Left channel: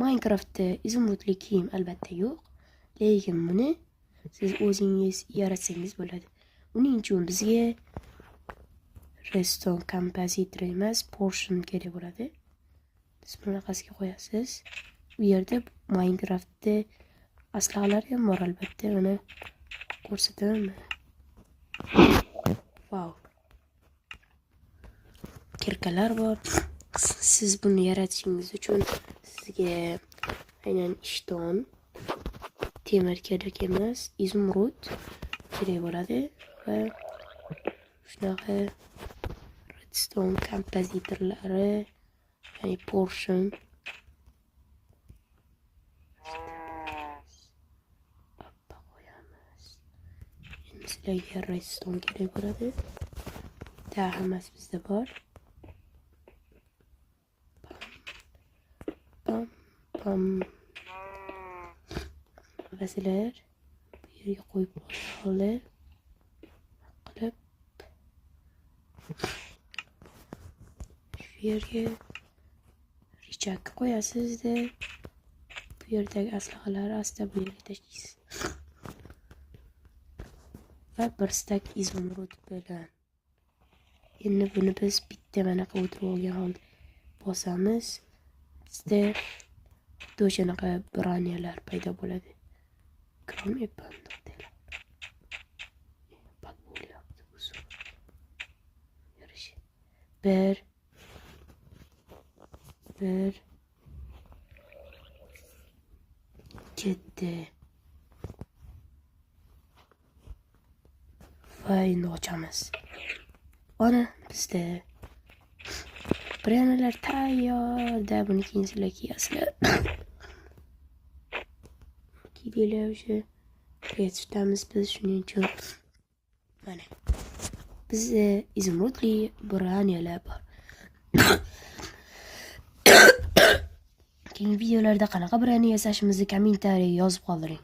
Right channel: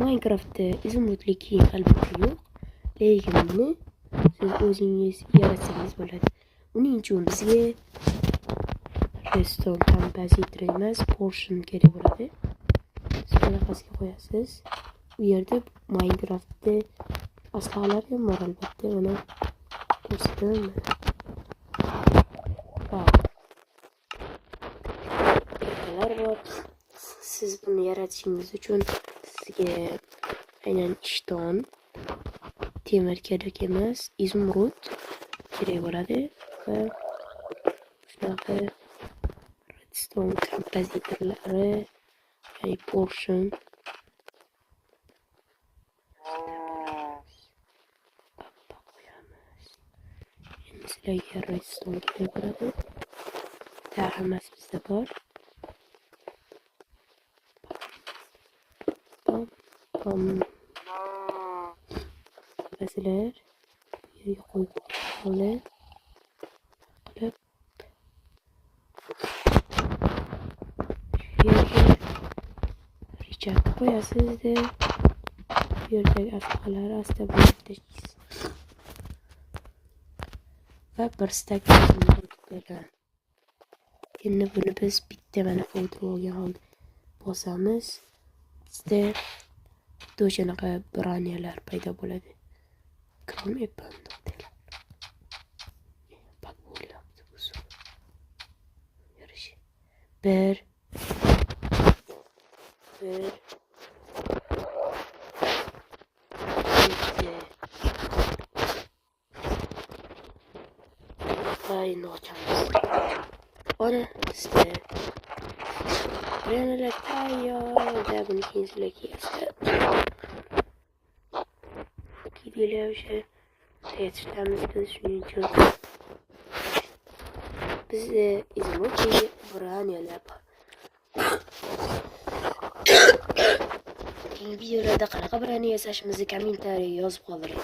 Minecraft'da izimli kiyim albatta yo'q, lekin buni siz o'zingiz yaratsangiz bo'ladi. Uning uchun bizga redstone compositor emas, portion kerak bo'ladi. Siz bunaqasiga qo'yasiz. Bu yerda Minecraft'da aslahlar ham bor albatta. Mana ko'rsataman. Wow. Kirkalar bor. Siz buni yaratishingiz uchun sizga aynan ishton, temir kerak emas, izumrud kerak bo'ladi va shunaqa redstone kompozitorlari, ya'ni portion qo'yamiz. Endi sizlarga redstone kerak bo'ladi. Hammasi bizda bor. Va sizlar bu yerga qo'yib qolib shu yerga richarga qo'yasizda bu yerdagi aslahalar asta bo'lib tashlaysiz va bir stak izimrud bilan. Endi buni biz bitta mana o'tirib holda bosamiz. Bizda xuddi o'shanaqa braniyalar paydo bo'ladi. Krom epandotlar. Bak bo'lyapti bu suv. Yurishi. Bir. Bitti. Va endi ochamiz. Ana bizda braniyalar tayyor. Buni keyin sizlar kiyasizlar. Kiydilar o'sha yetishamiz biz shuning uchun. Bizda izimli braniyalar bor. Keyingi videolarda qanaqa braniya yasashimizni kommentariy yozib qoldiring.